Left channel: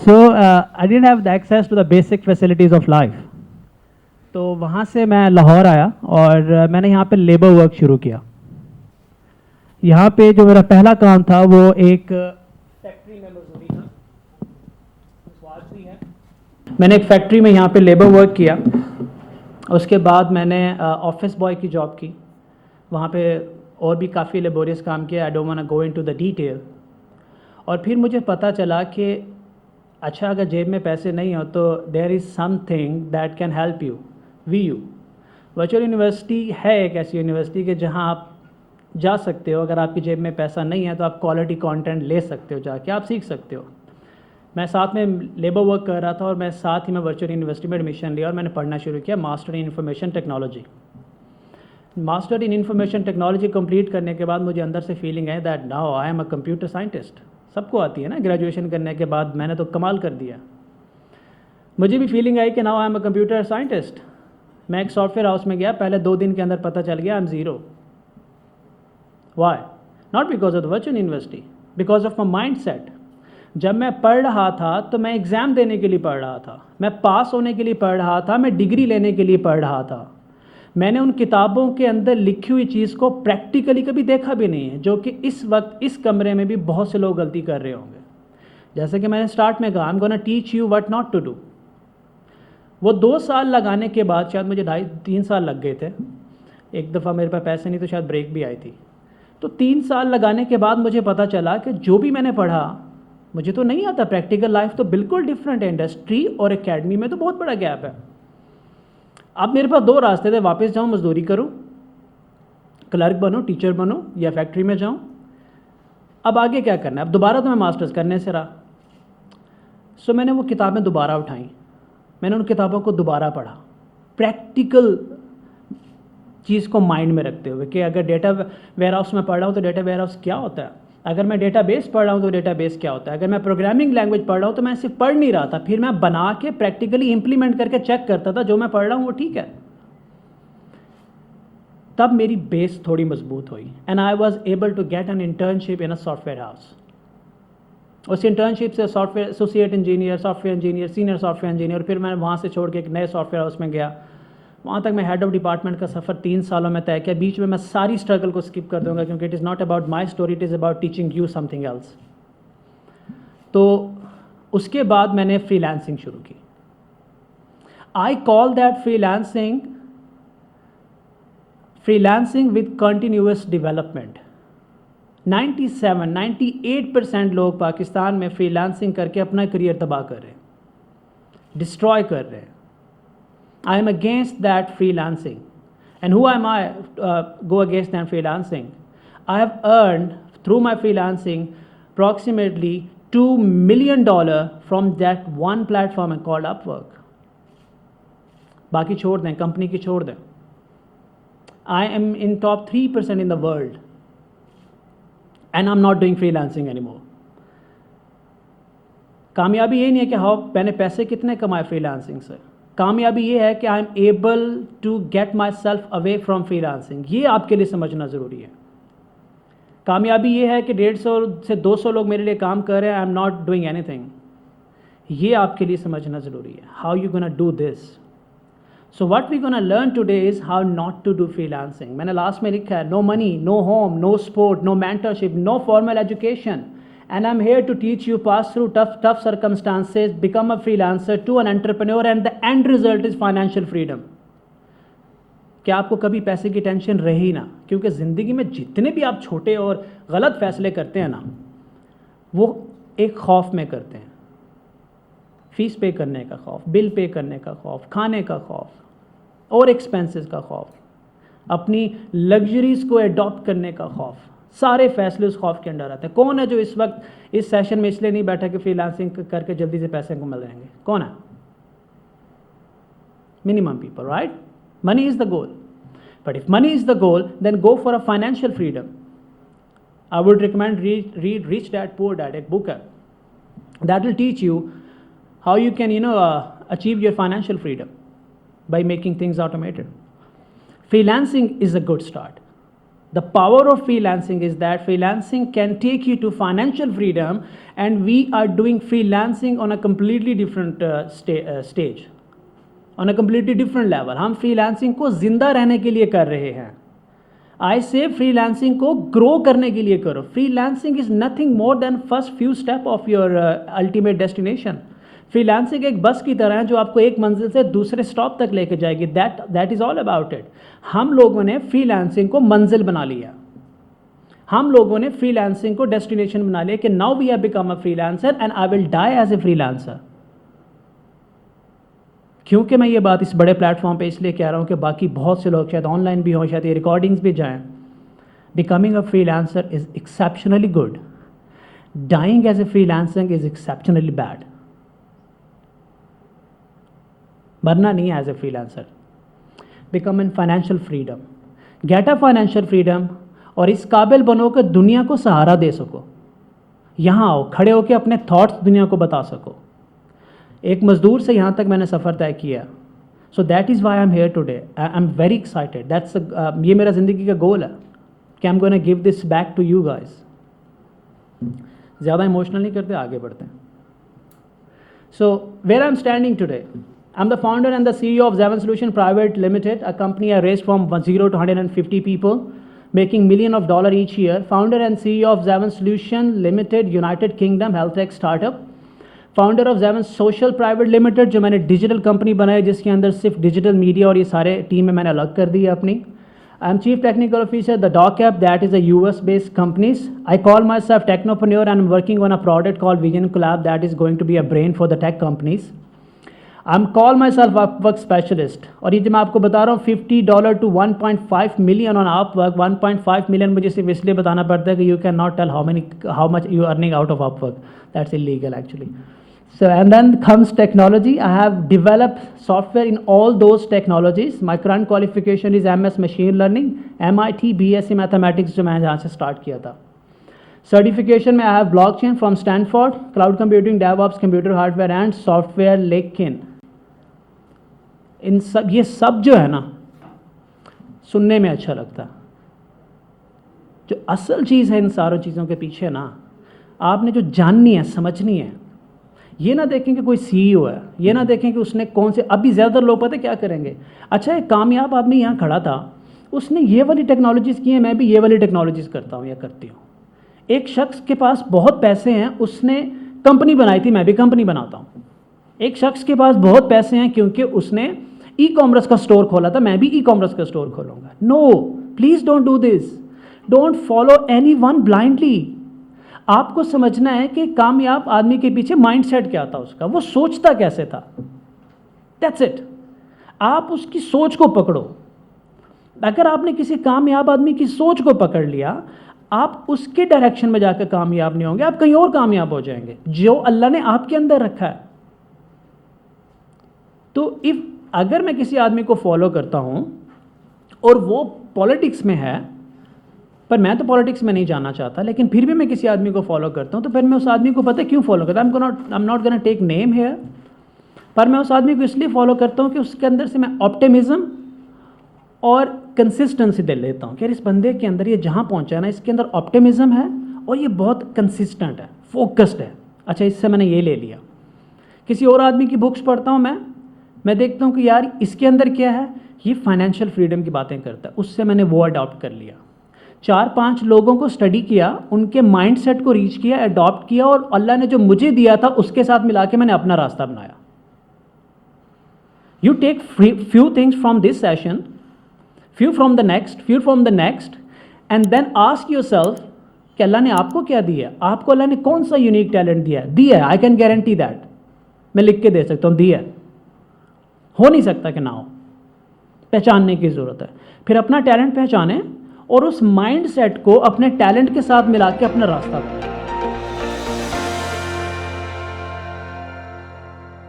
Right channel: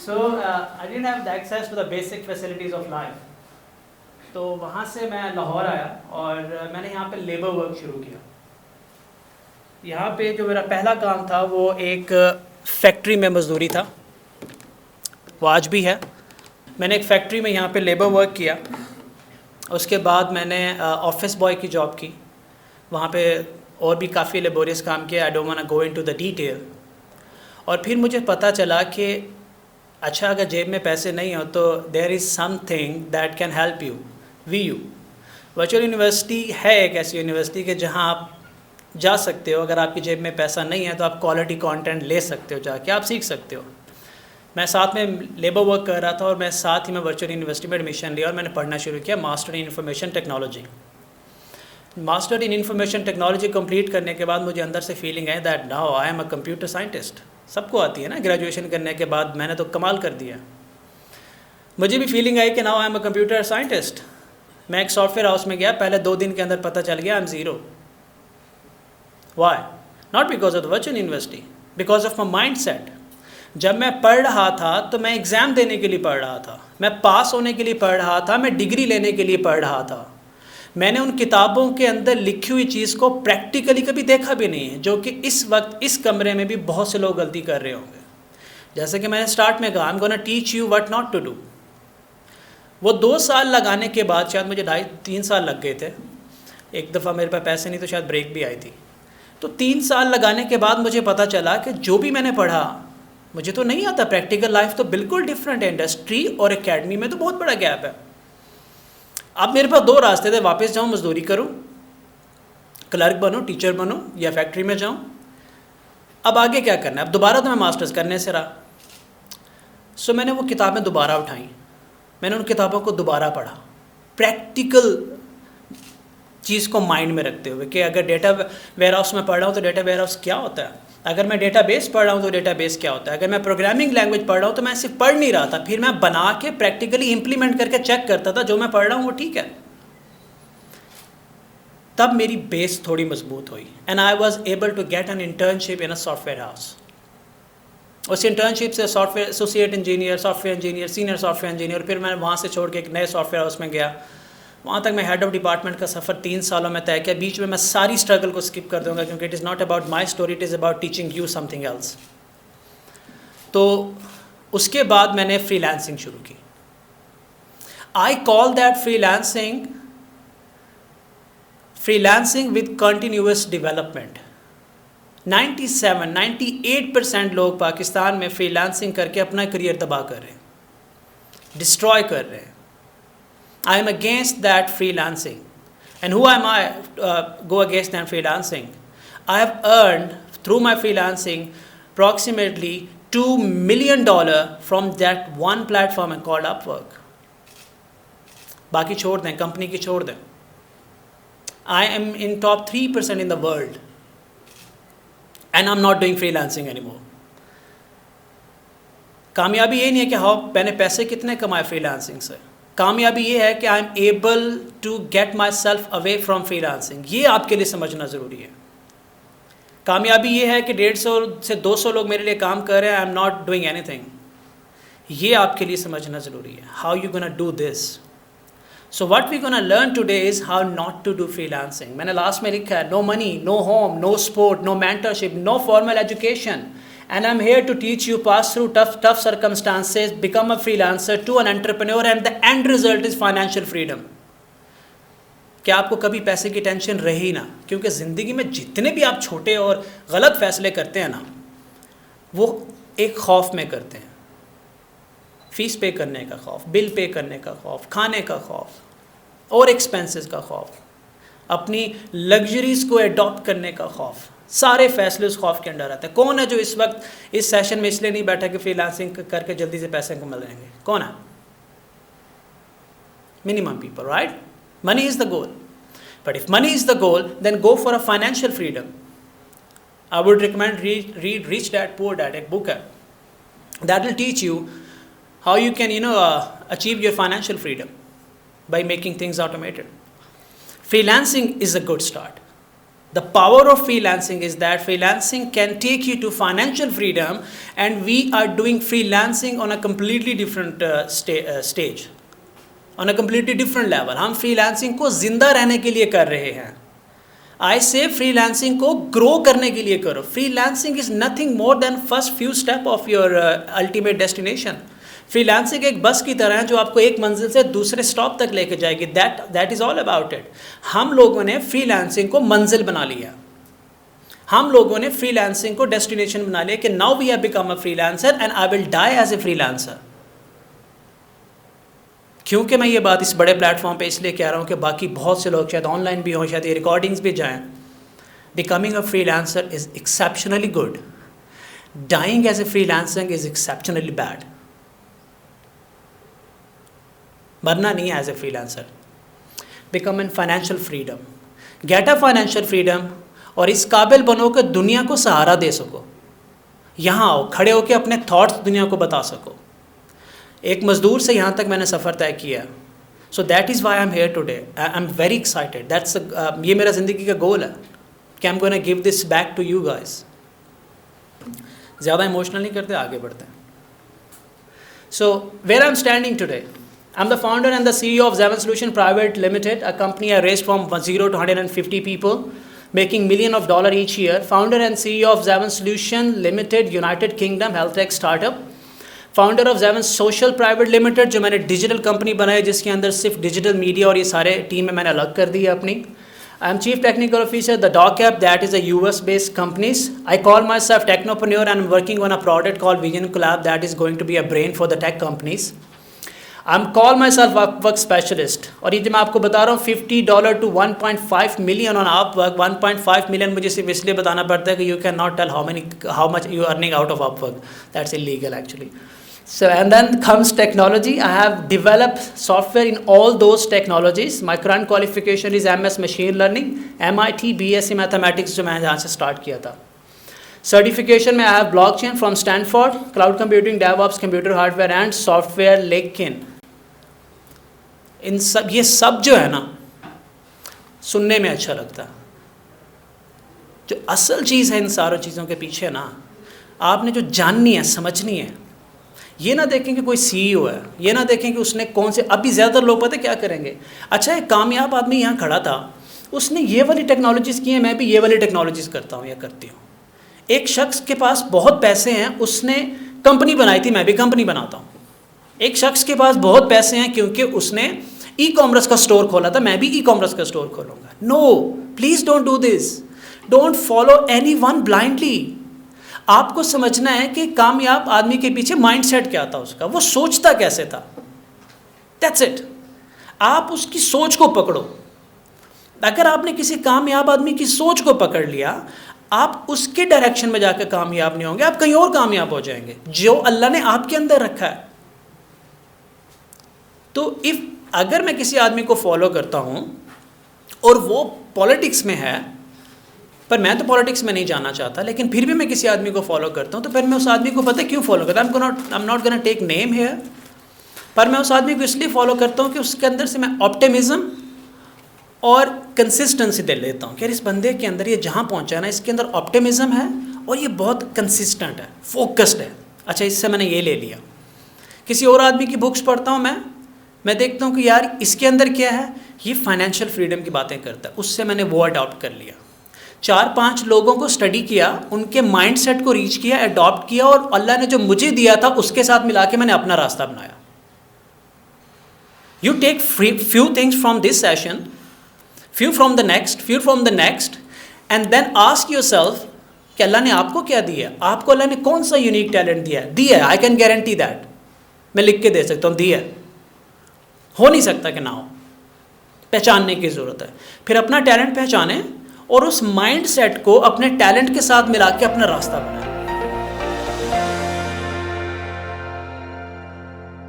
So I didn't have the access to the basic facilities of life. تو وہاں سے میں لاہور آیا اور میں نے یہاں پہ لیبر ورک شروع کیا. یہاں پہ جو میرا پہلا کام تھا وہ ایک فیکٹری میں مزدوری تھا, وہ آج بھی ہے. میں نے ایک فیکٹری میں یہاں پہ لیبر ورک کیا. اس کے بعد میں نے آفس بوائے کی جاب کی, وہاں پہ اور بھی کافی لیبوریس کام کیا. I don't want to go into the detail. اور پھر مجھے پتہ چلا کہ اچھا اگر جیب میں پیسے نہیں ہو تو there is something that can help you. V U virtual university ہے ایک ایسی یونیورسٹی کہ جہاں آپ جا سکتے ہو. اگر آپ کی جیب میں پیسہ نہیں ہے تو آپ کوالٹی کانٹینٹ لے سکتے ہو, جا کے آپ سیکھ سکتے ہو. میں ساتھ میں لیبر ورک کر رہا تھا اور میں ساتھ ہی میں ورچوئل یونیورسٹی میں ایڈمیشن لیا اور میں نے پڑھنا شروع کیا master in information technology. Master in information technology complete کرنے کے بعد مجھے اندر سے فیلنگ ہے that now I am a computer scientist. سب کو آتی ہے نا گریجویشن کرنے کے بعد, میں نے تو کمال کر دیا. مجھے بھی فیلنگ آئی کہ now I am a computer scientist. میں ایک سافٹ ویئر ہاؤس میں گیا, پہلے 2 دن کے اندر پتہ چل گیا I am zero. Why? Not because of the virtual university, because of my mind set. جب میں پڑھ رہا تھا تو میں ایگزام دینے کے لیے پڑھ رہا تھا, میں پاس ہونے کے لیے پڑھ رہا تھا, میں ڈگری لینے کے لیے پڑھ رہا تھا. میں نے ان کتابوں کے اندر لکھی ہوئی چیز کو پریکٹیکلی کبھی دیکھا بھی نہیں ہے, جو کہ اس وقت اس کمرے میں بھی بہت سے لوگ غلطی کر رہے ہوں گے. جیسے کہ میں نے اسٹارٹ میں کہا I am gonna teach you what not to do. وہ 2 سال لگانے کے بعد, شاید مجھے 2.5-3 سال لگ گئے تھے. ایک دفعہ میرے پاس پیسے نہیں تو شاید بریک بھی آئی تھی. تو 3 سال لگانے کے بعد مجھے پتہ چلا کہ جو بھی میں نے پڑھا مجھے تو نہیں آتا. پریکٹیکل لائف تو بالکل ڈفرینٹ ہے. انڈسٹری اور اکیڈمی میں تو بہت بڑا گیپ ہے. اب میرے پاس 2 راستے تھے, واپس جاؤں مزدوری کروں, کلرک بنوں, ٹیچر بنوں, یا فیکٹری میں جاؤں. اب آگے کیا کرنا ہے؟ اب دوبارہ تو میں ماسٹرز کرنے سے رہا. سو میں نے وہ کتابیں دوبارہ اٹھائیں, میں نے ان کتابوں کو دوبارہ پڑھا, پریکٹیکل چیز کو مائنڈ میں رکھتے ہوئے کہ اگر ڈیٹا ویئر ہاؤس میں پڑھ رہا ہوں تو ڈیٹا ویئر ہاؤس کیا ہوتا ہے, اگر میں ڈیٹا بیس پڑھ رہا ہوں تو ڈیٹا بیس کیا ہوتا ہے, اگر میں پروگرامنگ لینگویج پڑھ رہا ہوں تو میں صرف پڑھ نہیں رہا تھا, پھر میں بنا کے پریکٹیکلی امپلیمنٹ کر کے چیک کرتا تھا جو میں پڑھ رہا ہوں وہ ٹھیک ہے. تب میری بیس تھوڑی مضبوط ہوئی and I was able to get an internship in a software house. اس انٹرنشپ سے software associate engineer, software engineer, senior software engineer, پھر میں وہاں سے چھوڑ کے ایک نئے سافٹ ویئر ہاؤس میں گیا. وہاں تک میں ہیڈ آف ڈپارٹمنٹ کا سفر 3 سالوں میں طے کیا. بیچ میں ساری اسٹرگل کو اسکپ کر دوں گا کیونکہ it is not about my story, it is about teaching you something else. تو اس کے بعد میں نے فری لانسنگ شروع کی. I call that freelancing with continuous development. 97-98% لوگ پاکستان میں فری لانسنگ کر کے اپنا کریئر تباہ کر رہے ہیں, ڈسٹرائے کر رہے ہیں. I am against that freelancing. And who am I go against that freelancing? I have earned through my freelancing approximately $2 million from that one platform called Upwork. باقی چھوڑ دیں, کمپنی کی چھوڑ دیں. I am in top 3% in the world. And I'm not doing freelancing anymore. کامیابی یہ نہیں ہے کہ میں نے پیسے کتنے کمائے فری لانسنگ سے. کامیابی یہ ہے کہ I am able to get myself away from freelancing. یہ آپ کے لیے سمجھنا ضروری ہے. کامیابی یہ ہے کہ 150 سے 200 لوگ میرے لیے کام کر رہے ہیں, I am not doing anything. یہ آپ کے لیے سمجھنا ضروری ہے. How you gonna do this. So what we gonna learn today is how not to do freelancing. میں نے لاسٹ میں لکھا ہے no money, no home, no support, no mentorship, no formal education. And I'm here to teach you pass through tough circumstances, become a freelancer to an entrepreneur, and the end result is financial freedom. کہ آپ کو کبھی پیسے کی tension رہی نہ, کیونکہ زندگی میں جتنے بھی آپ چھوٹے اور غلط فیصلے کرتے ہیں نا, وہ ایک خوف میں کرتے ہیں. فیس پے کرنے کا خوف, بل پے کرنے کا خوف, کھانے کا خوف اور ایکسپینسز کا خوف, اپنی لگژریز کو اڈاپٹ کرنے کا خوف. سارے فیصلے اس خوف کے انڈر آتے ہیں. کون ہے جو اس وقت اس سیشن میں اس لیے نہیں بیٹھا کہ فری لانسنگ کر کے جلدی سے پیسے کو مل جائیں گے؟ کون ہے؟ Minimum people, right? Money is the goal. But if money is the goal then go for a financial freedom. I would recommend read Rich Dad Poor Dad. ایک بک ہے that will teach you how you can achieve your financial freedom by making things automated. Freelancing is a good start. The power of freelancing is that freelancing can take you to financial freedom, and we are doing freelancing on a completely different stage, on a completely different level. ہم freelancing کو زندہ رہنے کے لیے کر رہے ہیں. I say freelancing کو grow کرنے کے لیے کرو. Freelancing is nothing more than first few step of your ultimate destination. Freelancing ایک بس کی طرح ہے جو آپ کو ایک منزل سے دوسرے اسٹاپ تک لے کے جائے گی. That is all about it. ہم لوگوں نے فری لانسنگ کو منزل بنا لیا, ہم لوگوں نے فری لانسنگ کو ڈیسٹینیشن بنا لیا کہ now we have become a freelancer and I will die as a freelancer. کیونکہ میں یہ بات اس بڑے پلیٹ فارم پہ اس لیے کہہ رہا ہوں کہ باقی بہت سے لوگ شاید آن لائن بھی ہوں, شاید یہ ریکارڈنگس بھی جائیں. Becoming a freelancer is exceptionally good. Dying as a freelancer is exceptionally bad. مرنا نہیں ہے as a freelancer. Become in financial freedom, get a financial freedom, اور اس قابل بنو کہ دنیا کو سہارا دے سکو. یہاں آؤ, کھڑے ہو کے اپنے تھاٹس دنیا کو بتا سکو. ایک مزدور سے یہاں تک میں نے سفر طے کیا. So that is why I am here today. I am very excited. یہ میرا زندگی کا گول ہے کہ I am gonna give this back to you guys. زیادہ ایموشنل نہیں کرتے, آگے بڑھتے ہیں. So where I am standing today, I'm the founder and the CEO of Zavin Solution Private Limited, a company I raised from 0 to 150 people, making millions of dollars each year. Founder and CEO of Zavin Solution Limited, United Kingdom health tech startup. Founder of Zavin Social Private Limited, جو میں نے digital company بنائی جس کے اندر صرف digital media اور یہ سارے ٹیم میں نے الگ کر دی ہے اپنی. I am Chief Technical Officer, the Doc App, that is a US based companies. I call myself Technopreneur and I'm working on a product called Vision Collab that is going to be a brain for the tech companies. I'm call myself Upwork specialist. اور یہ جو میں آپ کو بتا رہا ہوں $50 to 1.5 million on Upwork. 1.5 million مجھے صرف اس لیے بتانا پڑتا ہے کہ you cannot tell how much you are earning out of Upwork. That's illegal actually. So and then comes technology. I have developed software in all those technologies. My current qualification is MS Machine Learning, MIT BSc Mathematics جو میں نے جہاں سے start کیا تھا. Certification میں I have blockchain from Stanford, cloud computing, DevOps, computer hardware and software. لیکن ان سب یہ سب جو ہے نا سننے میں اچھا لگتا, جو اصل چیز ہے ان ساروں چیزوں کے پیچھے نا آپ نے جو جاننی ہے سمجھنی ہے. یہ نہ دیکھیں کہ کوئی سی ای او ہے, یہ نہ دیکھیں کہ اس نے کون سے, ابھی زیادہ تر لوگ پتہ کیا کریں گے, اچھا ایک کامیاب آدمی یہاں کھڑا تھا, اس نے یہ والی ٹیکنالوجیز کی ہیں, میں بھی یہ والی ٹیکنالوجیز کرتا ہوں یا کرتی ہوں. ایک شخص کے پاس بہت پیسے ہیں, اس نے کمپنی بنائی تھی, میں بھی کمپنی بناتا ہوں. ایک شخص کے پاس بہت پیسے ہیں کیونکہ اس نے ای کامرس کا اسٹور کھولا تھا, میں بھی ای کامرس کا اسٹور کھولوں گا. No, please don't do this. Don't follow anyone blindly. آپ کو سمجھنا ہے کہ کامیاب آدمی کے پیچھے مائنڈ سیٹ کیا تھا اس کا, وہ سوچتا کیسے تھا. That's it. آپ اس کی سوچ کو پکڑو. اگر آپ نے کسی کامیاب آدمی کی سوچ کو پکڑ لیا, آپ اس کے ڈائریکشن میں جا کے کامیاب نہیں ہوں گے, آپ کہیں اور کامیاب ہو جائیں گے جو اللہ نے آپ کے اندر رکھا ہے. تو اگر میں کسی آدمی کو فالو کرتا ہوں اور وہ پالیٹکس میں ہے, پر میں تو پالیٹکس میں نہیں جانا چاہتا, لیکن پھر بھی میں کسی آدمی کو فالو کرتا ہوں, تو پھر میں اس آدمی کو پتہ کیوں فالو کرتا ہوں. I'm not gonna take name here, پر میں اس آدمی کو اس لیے فالو کرتا ہوں کہ اس کے اندر سے میں آپٹیمزم اور کنسسٹنسی دے لیتا ہوں کہ اس بندے کے اندر یہ جہاں پہنچا ہے نا, اس کے اندر آپٹیمزم ہے اور یہ بہت کنسسٹنٹ ہے, فوکسڈ ہے. اچھا اس سے میں نے یہ لے لیا. کسی اور آدمی کی بکس پڑھتا ہوں میں دیکھتا ہوں کہ یار اس کے اندر کیا ہے, یہ فائنینشیل فریڈم کی باتیں کرتا ہے, اس سے میں نے وہ اڈاپٹ کر لیا. 4-5 لوگوں کو اسٹڈی کیا, ان کے مائنڈ سیٹ کو ریچ کیا, اڈاپٹ کیا, اور اللہ نے جو مجھے دیا تھا اس کے ساتھ ملا کے میں نے اپنا راستہ بنایا. You take few things from this session, few from the next, and then ask yourself کہ اللہ نے آپ کو کیا دیا, آپ کو اللہ نے کون سا یونیک ٹیلنٹ دیا ہے. I can guarantee that, میں لکھ کے دے سکتا ہوں, دیا ہو نہیں سکتا کہ نہ ہو. پہچاننے کی ضرورت ہے. پھر اپنا ٹیلنٹ پہچانیں اور اس مائنڈ سیٹ کو اپنے ٹیلنٹ کے ساتھ ملا کے اپنا راستہ بنائیں.